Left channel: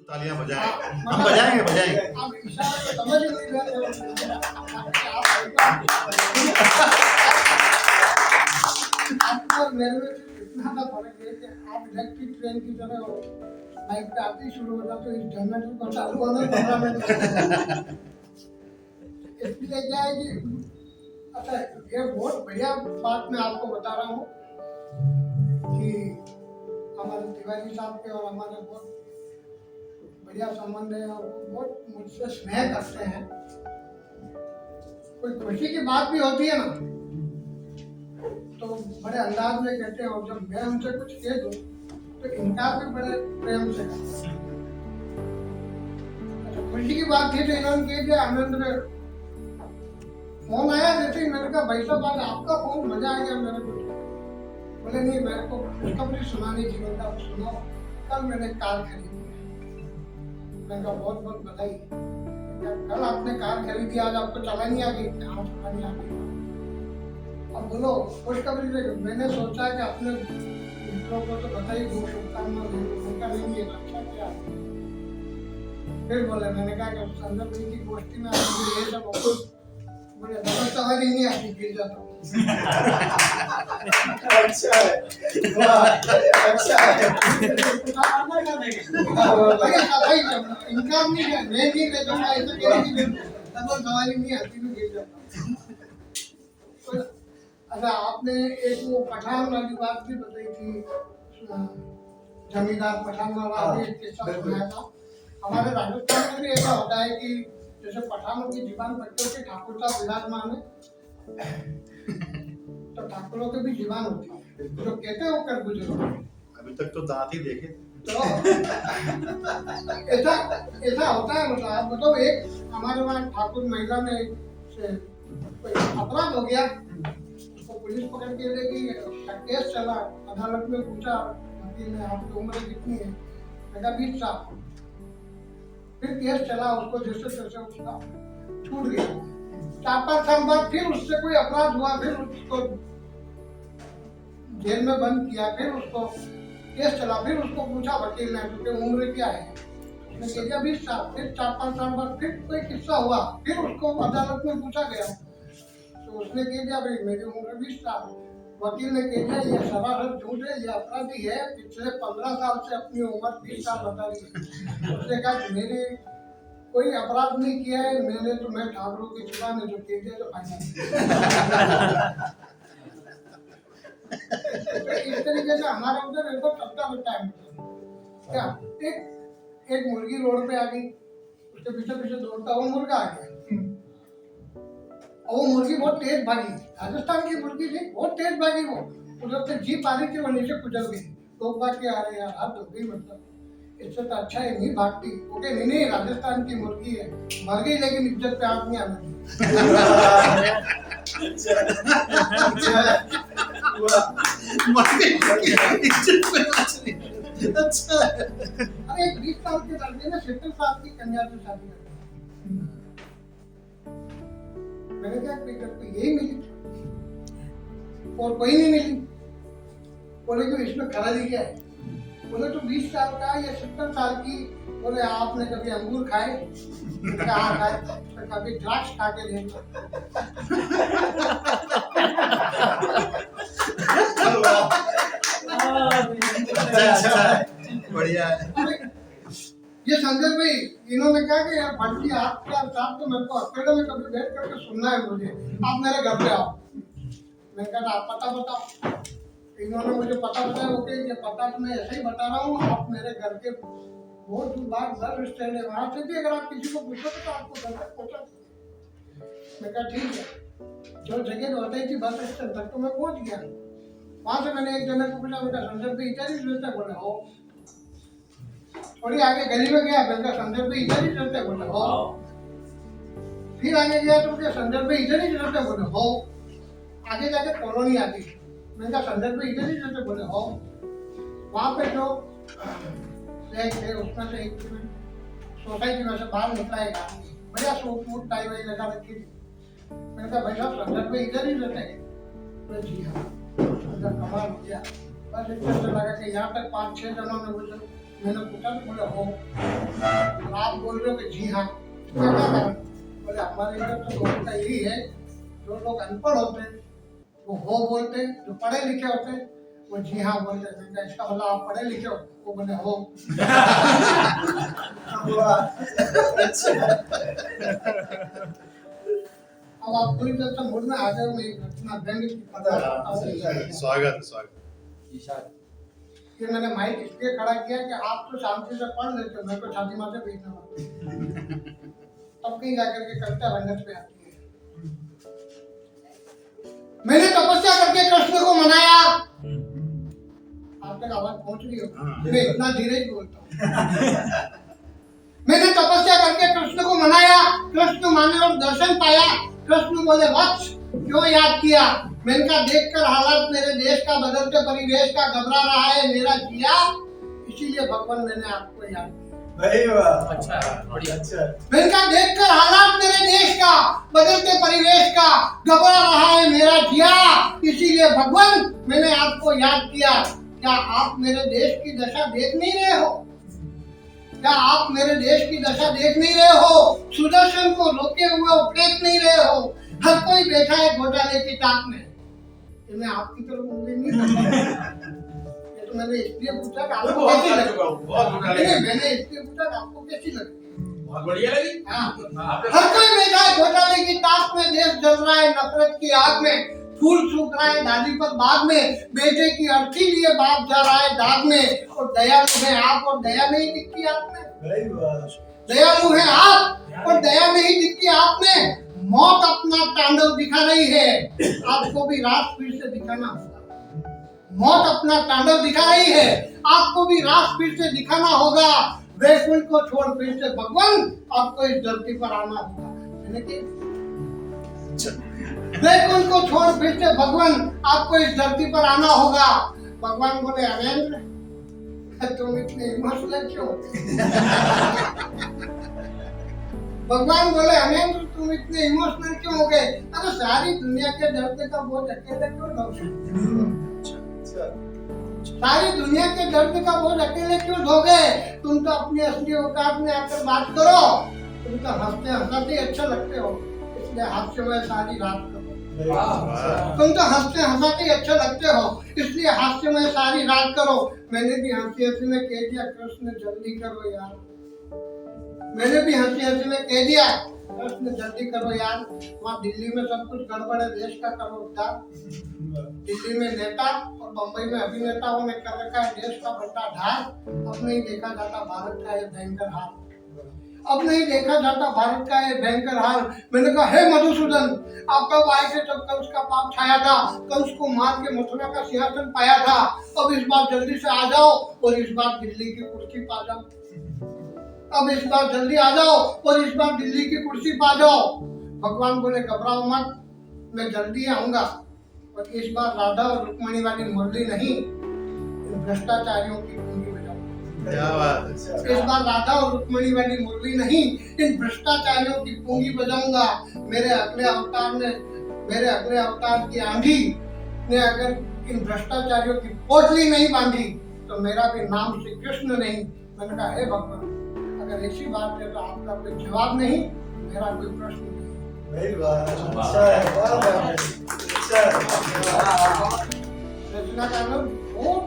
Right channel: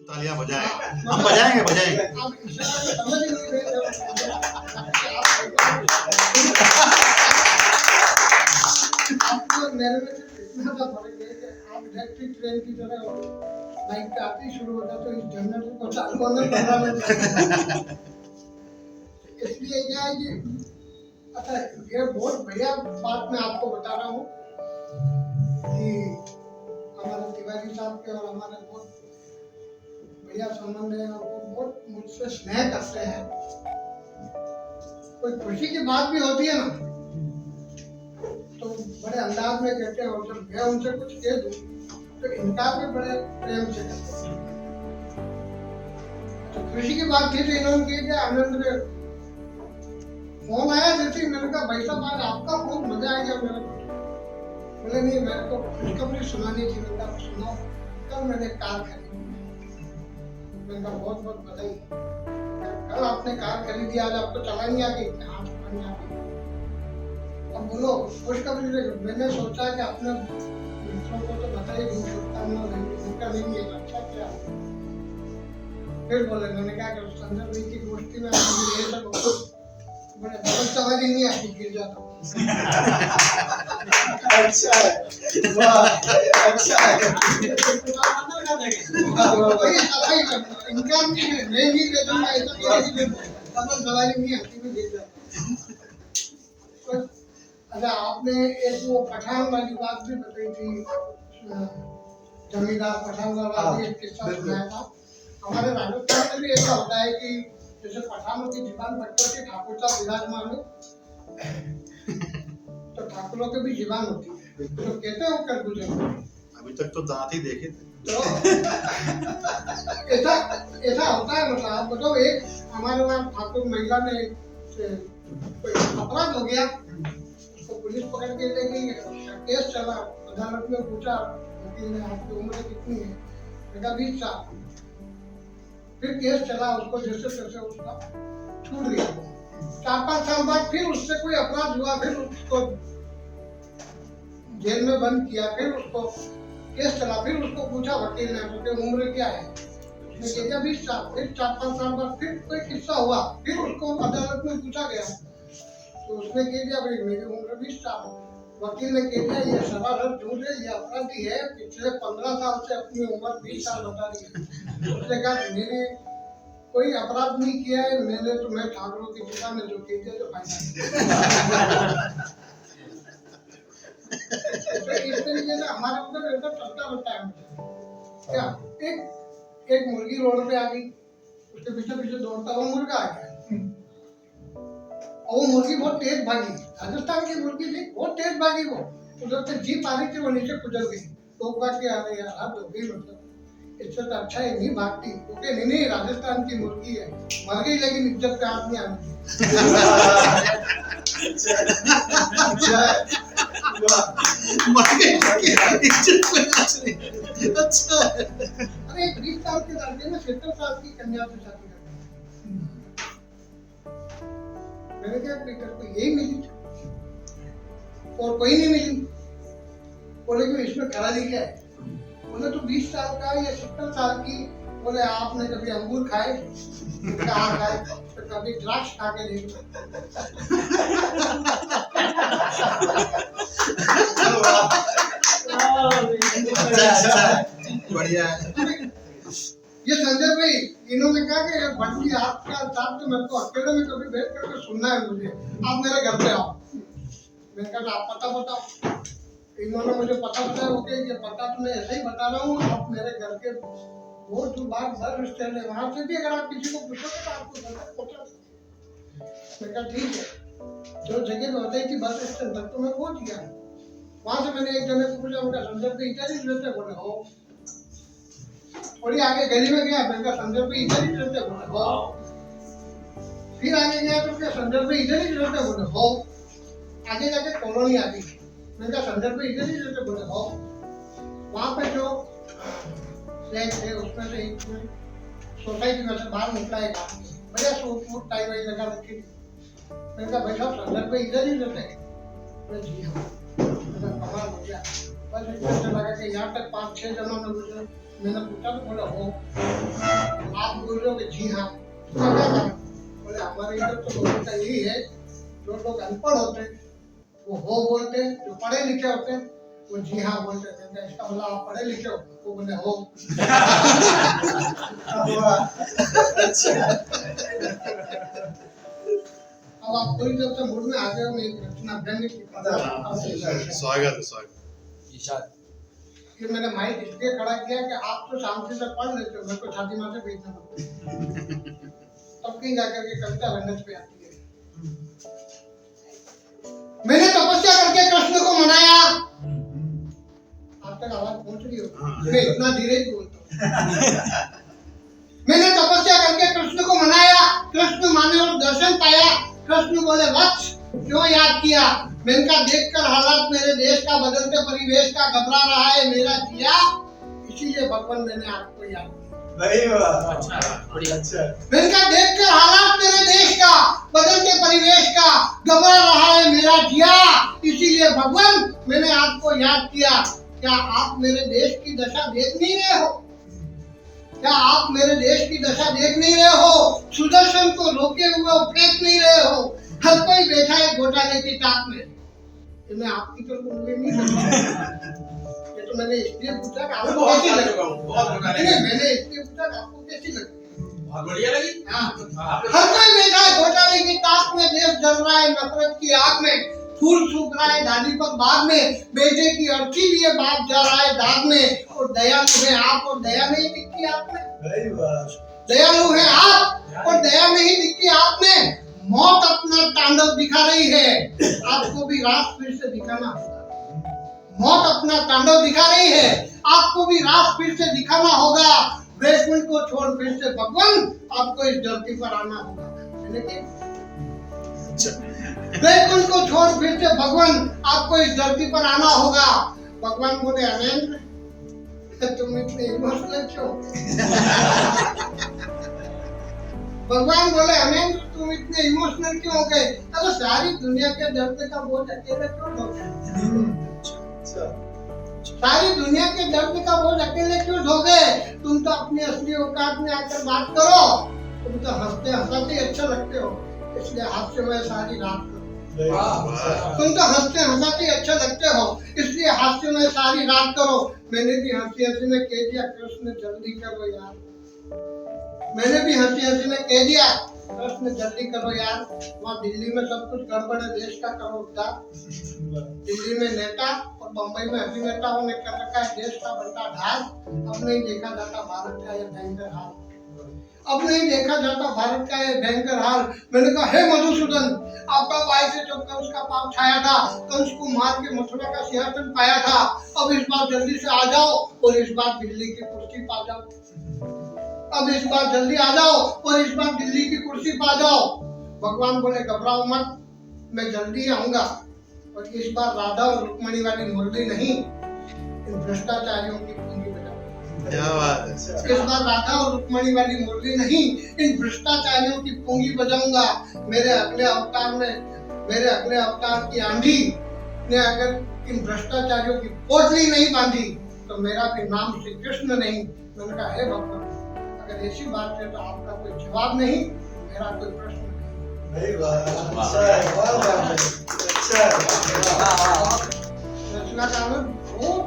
तालियां बजाएं। हाँ, हम बजाएंगे बजाएंगे। आप इशारा तो समझ ही नहीं रहे थे। आपको और मेरे में सिर्फ इतना सा फर्क है कि आप इलेक्ट्रिक ट्रेन की तरह हो, बाइक पे आते ही शुरू हो जाते हो, इस जनरेटर को चालू होने 15 मिनट लगते हैं। इसलिए क्या है कि अच्छा, ये बहुत बढ़िया बात मैं आपको बता रहा हूँ कि हमारे तिवारी साहब के और हमारे बहुत बढ़िया संबंध है और वो बहुत मुझसे स्नेह करते हैं। कोई खुशी की बात भी होती है ना तो बड़े अंदाज में कहते हैं, और जब मैं उनसे कुछ कह दूं तो इनकार भी बड़े प्रेम से करते हैं। तो खुशी की बात थी तो इन्होंने कह दिया, आनंद ने फोन आया जैसे ही, मैंने कहा भाई साहब आज आपका फोन, मजा आ गया मेरे को। बोले नहीं, मेरे को खुशखबरी सुनानी थी। मैंने कहा सुनाओ। कल मैंने कार खरीदी। मैंने कहा बहुत बहुत बधाई। कल आपने कार खरीदी, आज आपको चलानी आ गई? आज चलानी आ गई। अब बोलो खुशखबरी दे। मैंने सोचा कि अपने मित्रों को तो बताइए, दूर शुभकामना देंगे, उनका नहीं है अच्छा क्या। फिर बोले, मैंने कहा कि संजय भाई की गोष्ठी में आपने ये सब बड़े बहुत समझ ही नहीं आती, गिर जाता हूँ। अच्छा है, वाह, अच्छा है। इनकम नहीं है, मैं नहीं दे दूंगा, ऐसा कहीं नहीं दे, डबल सवारी नहीं आती, मैं गिर जाता हूँ। अच्छा, आपने एक वो पठान वाली बात भी बताई थी, जमींदार पठान वाला भी एक किस्सा सुनाया था। हमारे राजस्थान में भी ऐसा होता है कि जैसे पठानों की जीवान बच्चों के ठाकुर साहब विराजमान है, तो ठाकुरों की भी जीवान होती है, तो कहते हो कर गुजर। अभी तक तो दांत ही देखे। तो ऐसा होता है। मतलब आप बताओ, एक हमारे वहाँ ठाकुर महिला ने कोई अपराध हो गया, उसको पुलिस पकड़ के ले गई, केस चला, अदालत में पूछा वकील ने, आपकी उम्र कितनी है? मैंने कहा 20 साल। फिर केस चला, उसको जैसे तैसे उसका छूट गया। 4-5 साल बाद फिर उससे कोई अपराध हुआ, फिर उसको जेल में बंद किया, फिर उसको केस चला, फिर उसको पूछा वकील ने, तो उम्र क्या है? उसने कह दिया 20 साल। फिर 4-5 साल बाद फिर कोई किस्सा हुआ, फिर उसको अदालत में पूछा गया, तो उसने कह दिया भाई मेरी उम्र 20 साल। वकील ने कह दिया ये सरासर झूठ है, ये अपराधी है, पिछले 15 साल से अपनी उम्र 20 साल बता रही है। उसने कहा मैंने कोई अपराध नहीं किया है, मैंने तो मैं ठाकुरों की जुबान ने जो कह दिया तो फायदा। तो इस तरीके से हमारे उधर ऐसा चलता रहता है। क्या एक मुर्गी रोड पे आ गई, उसके पीछे पीछे दौड़ता वो मुर्गा आ गया, और वो मुर्गी बहुत तेज भागी। राजस्थान की मुर्गी थी, बहुत तेज भागी। वो उधर से जीप आ रही थी, वो नीचे कुचल गई। लोग भाग के आ रहे यार, हाथ धो गई, मतलब इससे तो अच्छा है नहीं भागती। ओके नहीं, राजस्थान की मुर्गी है, मर गई लेकिन इज्जत पे हाथ नहीं आना चाहिए। अच्छा। अरे 20 साल के लड़के ने 70 साल की कन्या से शादी कर दी। मैंने क्या तेरे को यही मिली और कोई नहीं मिली? बोले कि इसमें खराबी क्या है? बोले तो 20 साल का या 70 साल की। बोले आपने कभी अंगूर खाए? कहाँ खाए? तो कभी द्राक्ष खा के देखो। बढ़िया है। ये संजय भाई इन्होंने कहा कि यार भटकी आपका साथ तो मेरे को अकेले में कभी बैठ करके सुनना है मुझे, आप मेरे घर पे आओ। मैंने कहा आप पता बताओ। इन्होंने मुझे पता बताया। ओके ये पता तो मैं ऐसे ही बता रहा हूँ, आप मेरे घर के बहुत दूर बाहर बस स्टैंड है, वहां से भी अगर आप किसी को पूछोगे तो आपको घर तक पहुंचा देंगे। मैं कहा ठीक है। जो जगह तो बताई थी बस स्टैंड तक, तो मैं पहुंच गया। वहां से मैंने एक जने को पूछा, उनका संजय भाई इधर ही रहते? बोले हो। थोड़ी आगे गली में गया, मैंने कहा संजय भाई इधर ही रहते? बोले हो। फिर आगे गया तो क्या संजय भाई इधर ही रहते? बोले हो। आगे जाके कॉलोनी आ गई, मैंने कहा संजय भाई इधर ही रहते? बोले हो। वहां पे जो फ्लैट थे उसमें से एक सोसाइटी में से बाहर निकला एक आदमी, बढ़िया सूट वूट टाई वाई लगा रखी थी। मैंने कहा भाई साहब संजय भाई इधर ही रहते हैं? बोले जी हाँ। कमाल हो गया। बस इतना लगा कि यहाँ तक 5-6 जनों ने मुझे मैंने पूछा तो बोले हो। आप बोल रहे हो कि जी हाँ, इसका क्या कारण? बोले हमारे इधर तो लोगों का यही है, जो लोग अनपढ़ होते हैं वो हो बोलते हैं, जो पढ़े लिखे होते हैं वो जी हाँ बोलते हैं। मैंने इसका मतलब आप पढ़े लिखे हो? वो बोले हो। अब आप पूरी तरह से मूड में आ गए हो, मैं एक घटना व्यंग की पता स्वागत स्वागत। कि मैंने माइक इसलिए खड़ा किया कि आप तो शांति से पढ़ लेते हो, मैं तो छाती मारते पीटना पड़ता। तब कहीं जाकर के कविता रंगत पे आती है। मैंने तपस्या करके कृष्ण को मनाया। आप तक आवाज पहुंच रही हो? मैं इतना धीरे ही बोलता हूँ। मैंने तपस्या करके कृष्ण को मनाया, कृष्ण माने और दर्शन पाया। कृष्ण बोले वत्स क्यों याद किया? मैंने कहा देखकर हालात मेरे देश का, बदलते परिवेश का, घबरा रहा है मेरा जिया, इसीलिए भगवान मैंने आपको याद किया। अच्छा, बढ़िया, अच्छा। मैंने कहा देखकर हालात मेरे देश का, बदलते परिवेश का, घबरा रहा है मेरा जिया, इसीलिए भगवान मैंने आपको याद किया। क्या आप मेरे देश की दशा देख नहीं रहे हो? क्या आप मेरे देश की दशा देख नहीं रहे हो? सुदर्शन को रोके हुए फेंक नहीं रहे हो? हर कोई बैठा है घोटाले की ताक में। ये मैं आपकी तरफ उंगली नहीं करता। ये तो मैंने इसलिए पूछा कि आपको कैसी लगी। नहीं, मैंने इसलिए पूछा कि आपको कैसी लगी। बहुत बढ़िया लगी। हाँ, हर कोई बैठा है घोटाले की ताक में, देश जल रहा है नफरत की आग में, फूल सूख रहा है डाली पर बाग में, बेटे की अर्थी लिए बाप जा रहा है दाग में, और दयालु है आप और दया नहीं दिखती आप में। दयालु है आप और दया नहीं दिखती आप में। मौत अपना तांडव दिखा रही है, आपको भी रात फिर से दिखाना होगा। मौत अपना तांडव दिखा रही है, आपको भी रात फिर से दिखाना होगा। वैकुंठ को छोड़ फिर से भगवान आपको इस धरती पर आना होगा। वैकुंठ को छोड़ फिर से भगवान आपको इस धरती पर आना होगा। भगवान बोले अमेंद्र तुम इतने इमोशनल क्यों? भगवान बोले अमेंद्र तुम इतने इमोशनल क्यों हो गए? अरे सारी दुनिया के दर्द का बोझ अकेले क्यों ढोगे? सारी दुनिया के दर्द का बोझ अकेले क्यों ढोगे? तुम तो अपनी असली औकात में आकर बात करो। तुम तो हंसते हंसाते अच्छा लगते हो, इसलिए हास्यमय सारी रात करो। तुम तो हंसते हंसाते अच्छा लगते हो, इसलिए हास्यमय सारी रात करो। मैंने भी हंसी हंसी में कह दिया कृष्ण जल्दी करो यार। मैंने भी हंसी हंसी में कह दिया कृष्ण जल्दी करो यार। वहाँ दिल्ली में सब कुछ गड़बड़ है, देश का करो उद्धार। दिल्ली में नेता और बम्बई में अभिनेताओं ने कर रखा है देश का बंटा ढाल। अब नहीं देखा जाता भारत का ये भयंकर हाल। अब नहीं देखा जाता भारत का ये भयंकर हाल। मैंने कहा हे मधुसूदन, आप कब आए थे जब कंस का पाप छाया था, कंस को मार के मथुरा का सिंहासन पाया था। अब इस बार जल्दी से आ जाओ और इस बार दिल्ली की कुर्सी पा जाओ। अब इस बार जल्दी आ जाओ और इस बार दिल्ली की कुर्सी पा जाओ। भगवान बोले घबराओ मत, मैं जल्दी आऊंगा। और इस बार राधा और रुक्मणी वाली मुरली नहीं, इन भ्रष्टाचारियों की पूंजी बजाऊंगा। क्या बात है। इस बार राधा और रुक्मणी वाली मुरली नहीं, इन भ्रष्टाचारियों की पूंजी बजाऊंगा। मेरे अगले अवतार की आंधी ने अगर इन भ्रष्टाचारियों की पोटली नहीं बांधी तो मेरा भी नाम श्री कृष्ण नहीं। मैंने कहा हे भगवान, अगर ऐसी बात है तो आपका कोई जवाब नहीं, मेरा कोई प्रश्न नहीं। रचनाकार में बहुत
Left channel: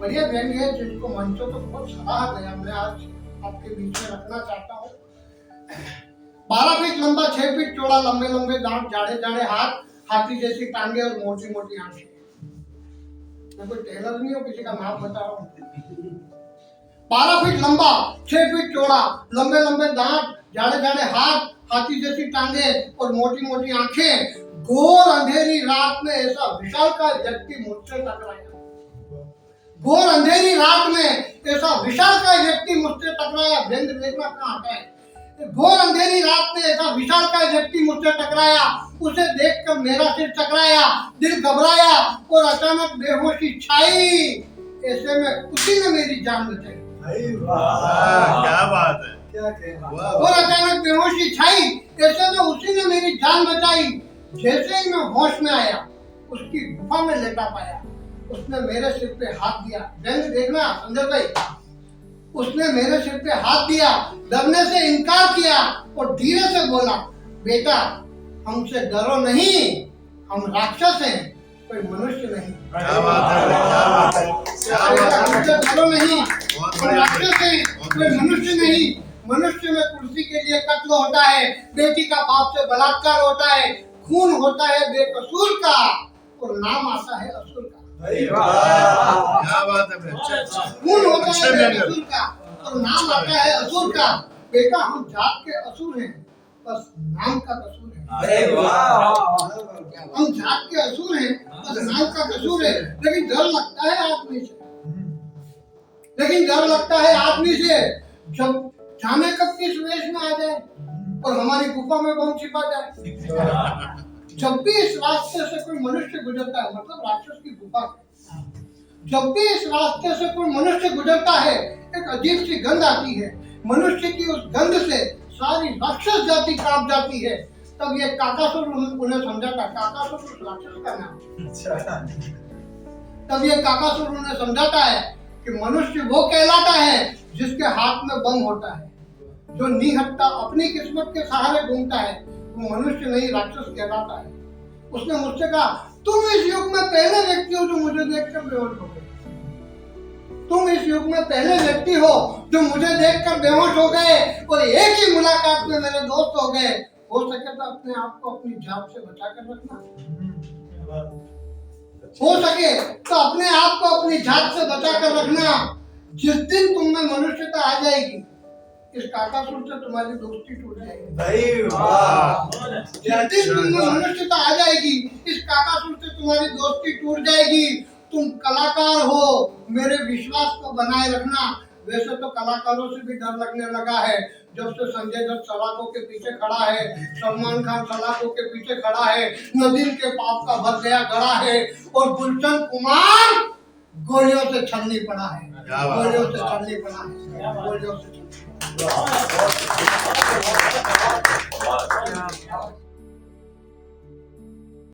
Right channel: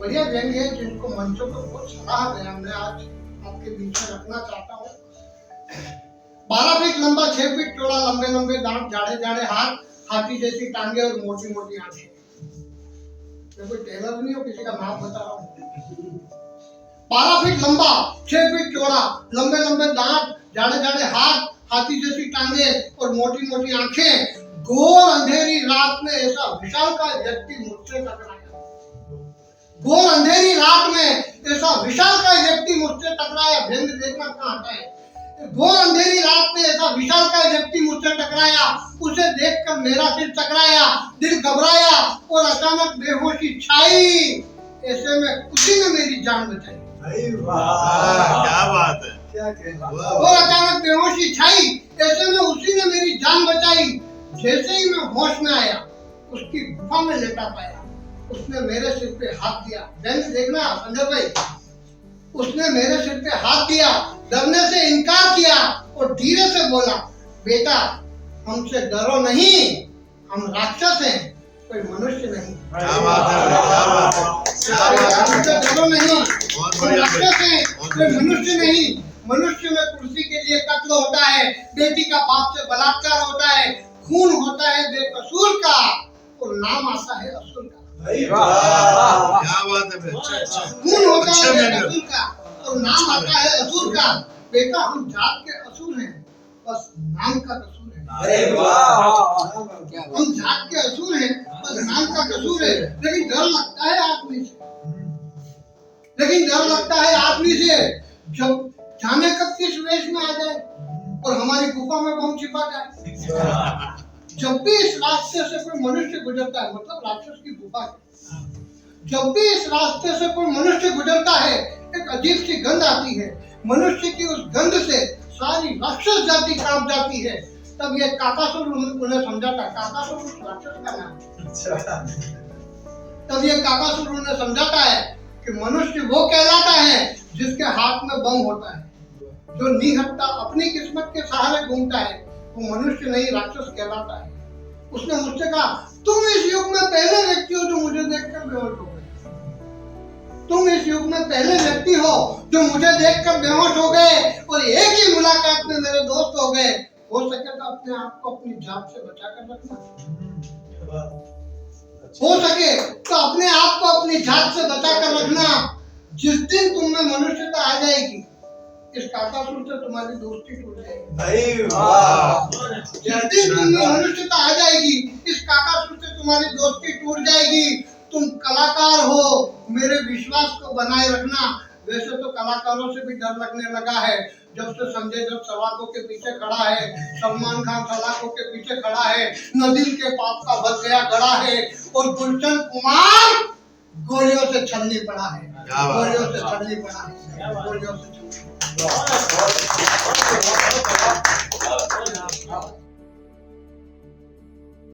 बढ़िया व्यंग है जिनको मंचों पर बहुत सराहा गया, मैं आज आपके बीच में रखना चाहता हूँ। 12 फीट लंबा, 6 फीट चौड़ा, लंबे लंबे दांत, जाड़े जाड़े हाथ, हाथी जैसी टांगे और मोटी मोटी आंखें। मैं कोई टेलर नहीं हूँ, किसी का नाम बता रहा हूँ। 12 फीट लंबा, 6 फीट चौड़ा, लंबे लंबे दांत, जाड़े जाड़े हाथ, हाथी जैसी टांगे और मोटी मोटी आंखें। घोर अंधेरी रात में ऐसा विशालकाय व्यक्ति मुझसे टकराया। घोर अंधेरी रात में ऐसा विशालकाय व्यक्ति मुझसे टकराया। व्यंग देखना कहाँ हटा है। घोर अंधेरी रात में ऐसा विशालकाय व्यक्ति मुझसे टकराया। उसे देखकर मेरा सिर टकराया, दिल घबराया और अचानक बेहोशी छाई। ऐसे में उसी ने मेरी जान बचाई। क्या बात है। और अचानक बेहोशी छाई, ऐसे में उसी ने मेरी जान बचाई। जैसे ही मैं होश में आया, उसकी गुफा में लेटा पाया। उसने मेरे सिर पे हाथ दिया। व्यंग देखना संजय भाई, उसने मेरे सिर पे हाथ दिया, डरने से इनकार किया और धीरे से बोला, बेटा हमसे डरो नहीं, हम राक्षस हैं, कोई मनुष्य नहीं। क्या बात है भाई, क्या बात है, क्या बात है। हमसे डरो नहीं, बहुत हम बढ़िया भाई। राक्षस हैं, कोई मनुष्य नहीं। मनुष्य में कुर्सी के लिए कत्ल होता है, बेटी का बाप से बलात्कार होता है, खून होता है बेकसूर का और नाम आता है असुर का। क्या बात है भाई, अच्छा अच्छा। खून होता अच्छे है व्यंजन। बेकसूर का और नाम आता है असुर का। बेटा हम जात के असुर हैं, बस नाम का कसूर है। हम जात के असुर हैं, बस नाम का कसूर है। लेकिन डर लगता है आदमी से, जब जाने कब किस वेश में आ जाए और हमारी गुफा में बम छिपा जाए। जब भी इस रास्ते से कोई मनुष्य गुजरता है, मतलब राक्षस की गुफा है, जब भी इस रास्ते से कोई मनुष्य गुजरता है, एक अजीब सी गंध आती है। मनुष्य की उस गंध से सारी राक्षस जाति कांप जाती है। तब ये काकासुर उन्हें समझाता है, काकासुर उस राक्षस का नाम। तब ये काकासुर उन्हें समझाता है कि मनुष्य वो कहलाता है जिसके हाथ में बम होता है, जो निहत्ता अपनी किस्मत के सहारे घूमता है, वो मनुष्य नहीं राक्षस कहलाता है। उसने मुझसे कहा, तुम इस युग में पहले व्यक्ति हो जो मुझे देखकर बेहोश हो गए। तुम इस युग में पहले व्यक्ति हो जो मुझे देखकर बेहोश हो गए और एक ही मुलाकात में मेरे दोस्त हो गए। हो सके तो अपने आप को अपनी जात से बचा कर रखना। हो सके तो अपने आप को अपनी जात से बचा कर रखना। जिस दिन तुम में मनुष्यता आ जाएगी, इस काकासुर से तुम्हारी दोस्ती टूट जाएगी। जिस दिन तुम में मनुष्यता आ जाएगी, इस काकासुर से तुम्हारी दोस्ती टूट जाएगी। तुम कलाकार हो, मेरे विश्वास को बनाए रखना। वैसे तो कलाकारों से भी डर लगने लगा है। जब से संजय दत्त सलाखों के पीछे खड़ा है, सलमान खान सलाखों के पीछे खड़ा है, नदीम के पाप का भर गया गड़ा है और गुलशन कुमार गोलियों से छलनी पड़ा है। गोलियों से छलनी पड़ा है, गोलियों से छलनी पड़ा है।